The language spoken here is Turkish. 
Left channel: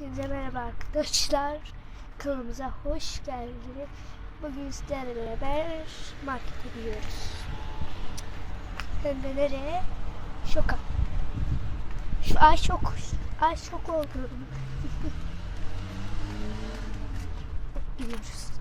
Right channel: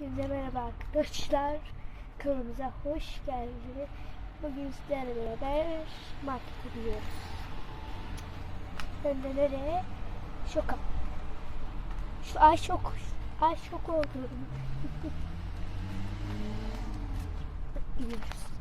Hepinize merhaba arkadaşlar. Kanalımıza hoş geldiniz. Bugün sizlerle beraber markete gidiyoruz. Hem de nereye? Şoka. Şu ay şok. Ay şok oldum. Gidiyoruz.